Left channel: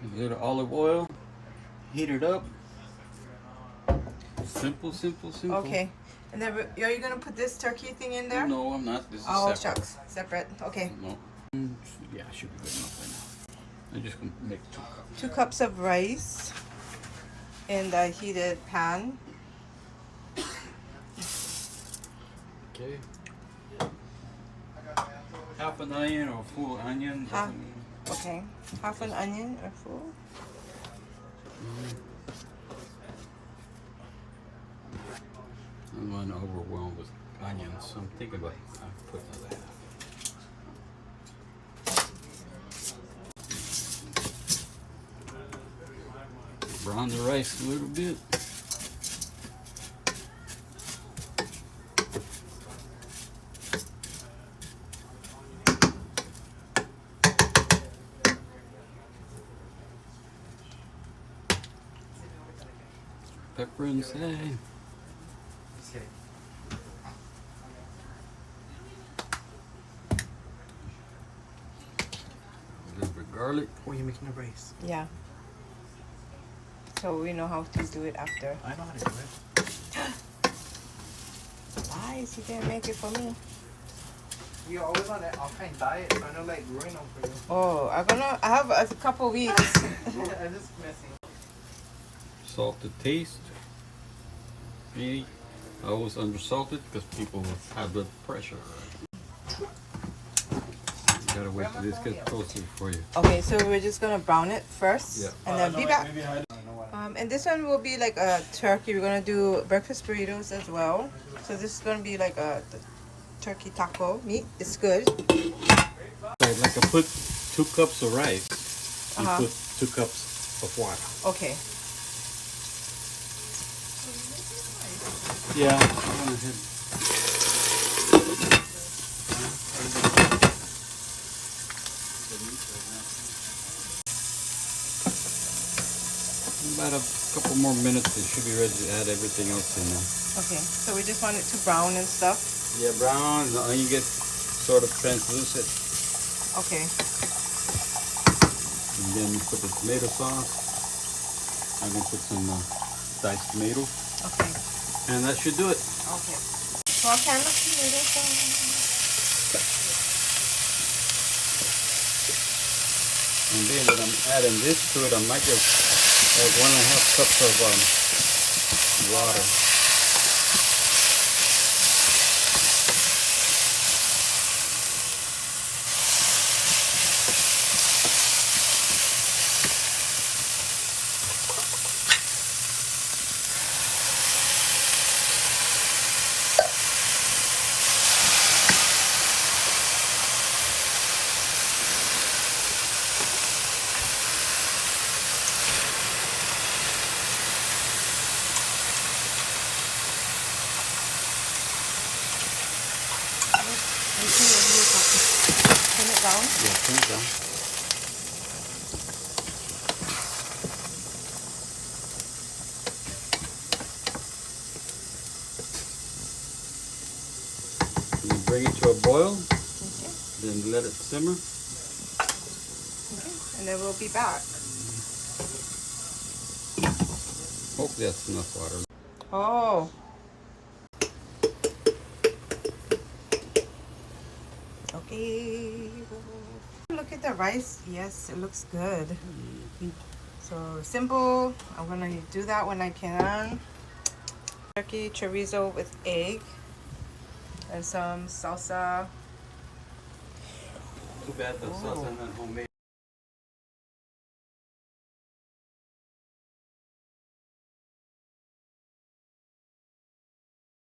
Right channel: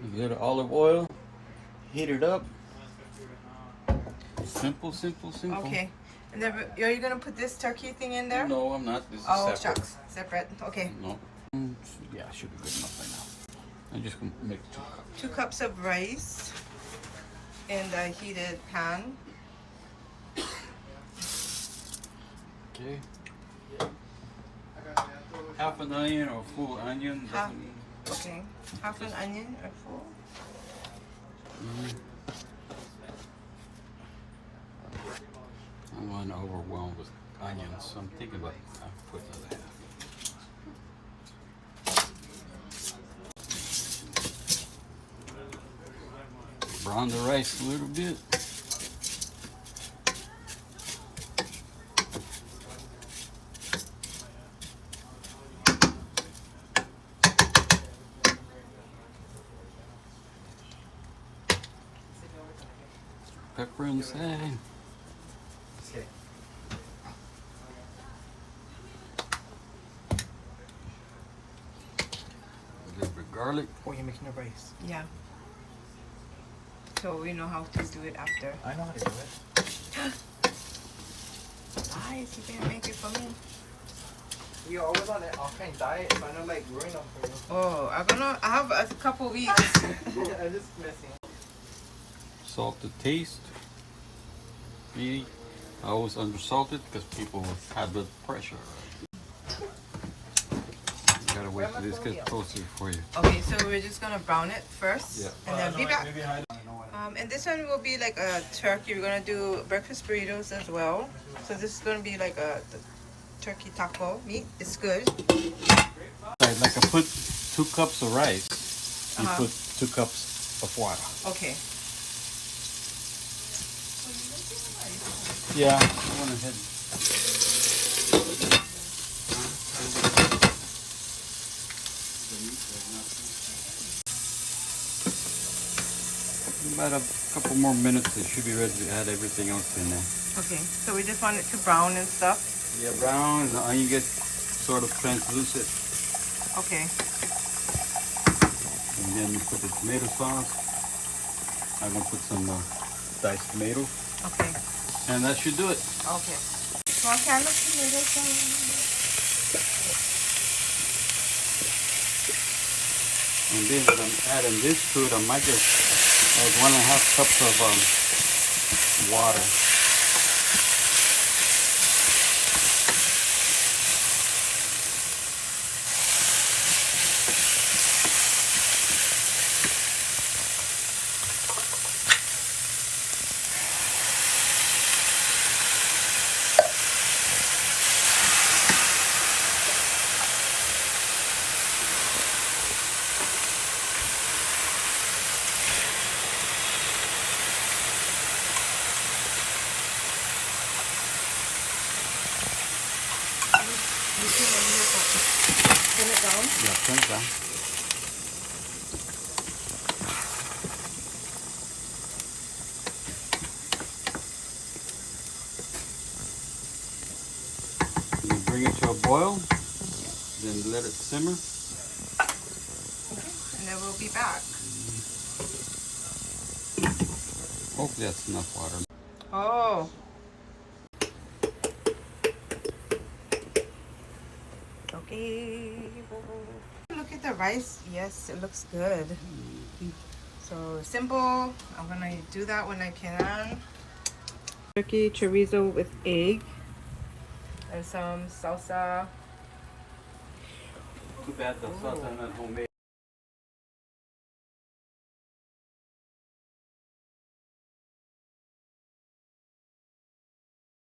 A little olive oil. Heat it up. Simple, simple, simple. Okay. And then are you gonna put this turkey thing in there? No, I'm not. This is Oh, separate. shucks. Separate. Okay. No. Yeah, should be good enough right now. I'm just gonna make 2 cups. 2 cups of rice in the heated pan. Okay. Half an onion or full onion. Half. doesn't mean- Okay. Half an onion or full. I'm not overwhelmed with onions, so I'm thinking about putting that. Brown the rice a little bit. Pepper inside. A little bit garlic. Oh, you're making the rice. Yeah. So we know how to do it after. I know how to do it. Guys, you can't make it for me. You're always on an offline diet, so I don't like ruin them for you. Oh, I have a couple weeks. I'm just messing. Salt to taste. Me, I always undersalted because people with high blood pressure. You gotta wait till this gets closer for you. Okay, so we're just gonna brown it first, Yeah. and then be back. Maybe I don't know what. And this one will be like a turkey. We're gonna do breakfast burritos as well. So this is gonna be like a turkey taco meat. It's good. Like I put 2 cups of rice and put 2 cups of water. Okay. Yeah. I went ahead. About a couple more minutes, they should be ready to add everything else in there. Okay. So we just want it to brown and stuff. Yeah, brown, the onion gets sort of translucent. Okay. And then we put the tomato sauce. I'm gonna put some diced tomatoes. Okay. And that should do it. Okay. Small can of tomato sauce. And then when I'm adding this to it, I might just add 1.5 cups of water. Turn it down. Yeah, turn it down. And you bring it to a boil, then let it simmer. And then we'll be back. Hopefully that's enough water. Oh. Okay. Look at the rice. Yes, it looks good. So simple. I'm gonna do that when I can. Turkey chorizo with egg and some salsa. Too bad the sauce I'm not homemade.